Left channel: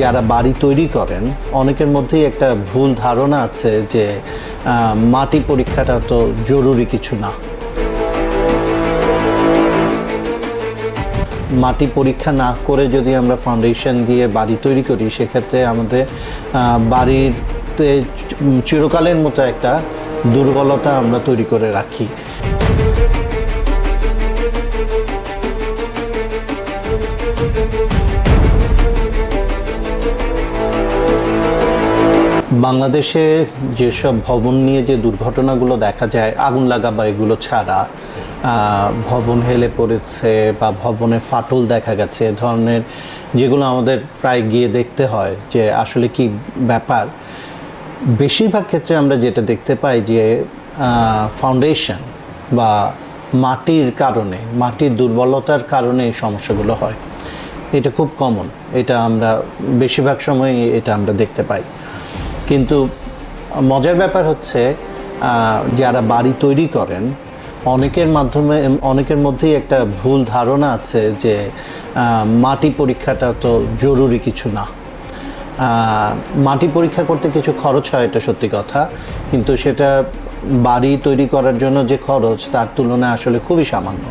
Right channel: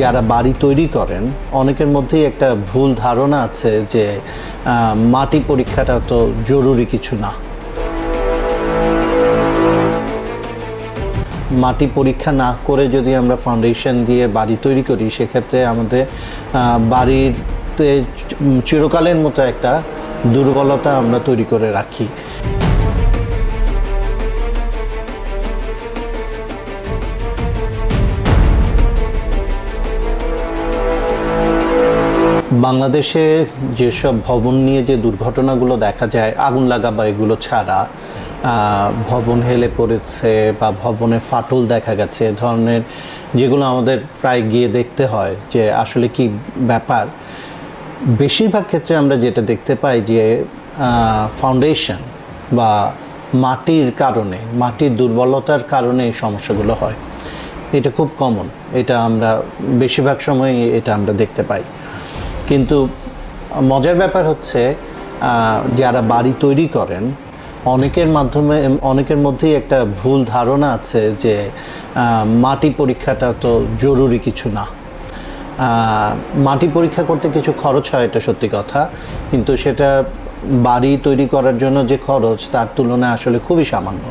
যারা বাড়ি তৈরি করেন অনেকের মধ্যেই একটা ভুল ধারণা আছে যে মাটি পরীক্ষাটা তো জরুরি কিছু না। মাটি পরীক্ষা না করে যদি আমরা ফাউন্ডেশন দিয়ে বাড়ি তৈরি করি সেক্ষেত্রে আমাদের বাড়িতে চিরকালের মতো একটা দুর্বলতা আমরা তৈরি করে রাখি। বাংলাদেশে যেসব ভবন নিয়ে যে দুর্ঘটনাগুলো দেখা যায়, আগুন লাগা বা এগুলো ছাড়া ভবন হেলে পড়েছে বা ভবনে ফাটল দেখা গেছে, এ ধরনের যেগুলো আমাদের প্রায় গিয়ে দেখতে হয় যে আসলে কি ব্যাপার। বেশিরভাগ ক্ষেত্রে আমরা যেটা দেখতে পাই যে ফাউন্ডেশন বা মাটির কারণে, মাটির দুর্বলতার কারণে এই সমস্যাগুলো হয়। এটা খুব কমন, এটা আমরা বেশিরভাগ সময় এটা আমরা দেখতে পাই। কিন্তু মজার ব্যাপার হচ্ছে যারা বাড়ি তৈরি করেন অনেকের মধ্যেই একটা ভুল ধারণা আছে যে মাটি পরীক্ষাটা তো জরুরি কিছু না। মাটি পরীক্ষা করতে কিছু খরচ হয়, এটা সত্যি কথা, কিন্তু সেটা বাড়ি তৈরি করার জন্য যে খরচ তার তুলনায় আসলে খুবই সামান্য।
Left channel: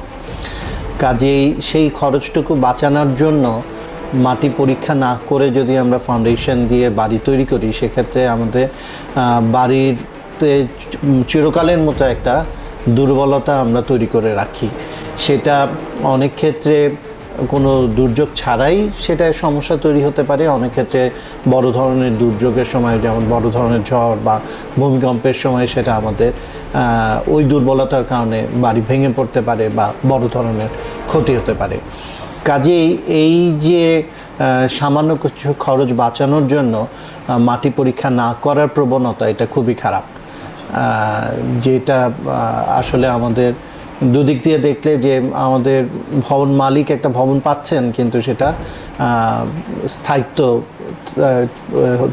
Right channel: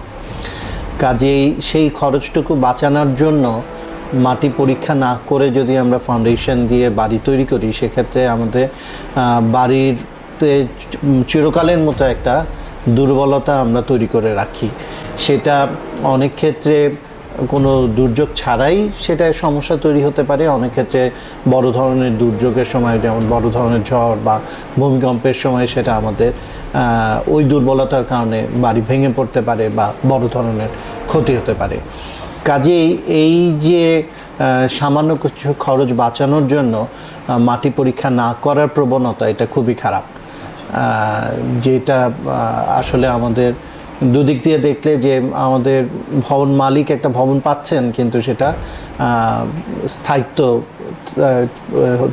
কাজেই সেই খরচটুকু বাঁচানোর জন্য মাটি পরীক্ষা না করে যদি আমরা ফাউন্ডেশন দিয়ে বাড়ি তৈরি করি সেক্ষেত্রে আমাদের বাড়িতে চিরকালের মতো একটা দুর্বলতা আমরা তৈরি করে রাখি। সেটা অনেক ক্ষেত্রে কোনো দুর্যোগ ছাড়াই সেটা সমস্যা তৈরি হতে পারে, অনেক ক্ষেত্রে বড় ধরনের দুর্যোগের সময়, যেমন বড় ধরনের ঝড় বা ভূমিকম্পের সময় সেটা আমাদের ওই দুর্বলতার কারণে বাড়ি ভেঙে পড়তে পারে বা বড় ধরনের ক্ষতি হতে পারে। কাজেই এই যে সামান্য কিছু খরচ বাঁচানোর জন্য মাটি পরীক্ষা না করার প্রবণতা, এটা খুবই খারাপ। যেটা আসলে আমাদের দুদিক দিয়ে দেখলে যে আমাদের ভবন মালিক একটা ভবন পাচ্ছেন কিন্তু সেটা স্থায়িত্ব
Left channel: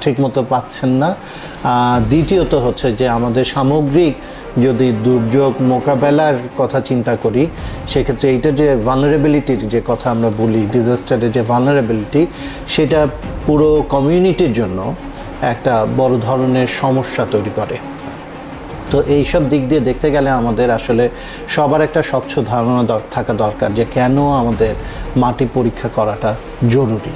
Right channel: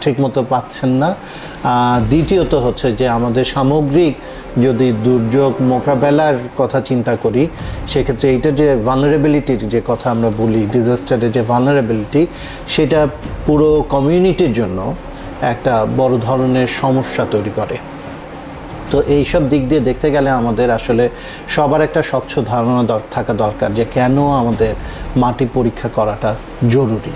ঠিকমতো পাচ্ছেন না। দ্বিতীয়ত হচ্ছে যে আমাদের সামগ্রিক যদি দুর্যোগ মোকাবেলার কথা চিন্তা করি সেক্ষেত্রে এইটা যে ভালনারেবিলিটির যে কথা আমরা বলি, ডিজাস্টারের যে ভালনারেবিলিটি, সেটা পুরো কমিউনিটির জন্য একটা বড় ধরনের সমস্যা তৈরি করে। তো এইসব দিক দিয়ে দেখতে গেলে আমাদের আসলে সবার একটা স্বচ্ছ ধারণা থাকা দরকার যে কেন আমাদের মাটি পরীক্ষা করাটা জরুরি।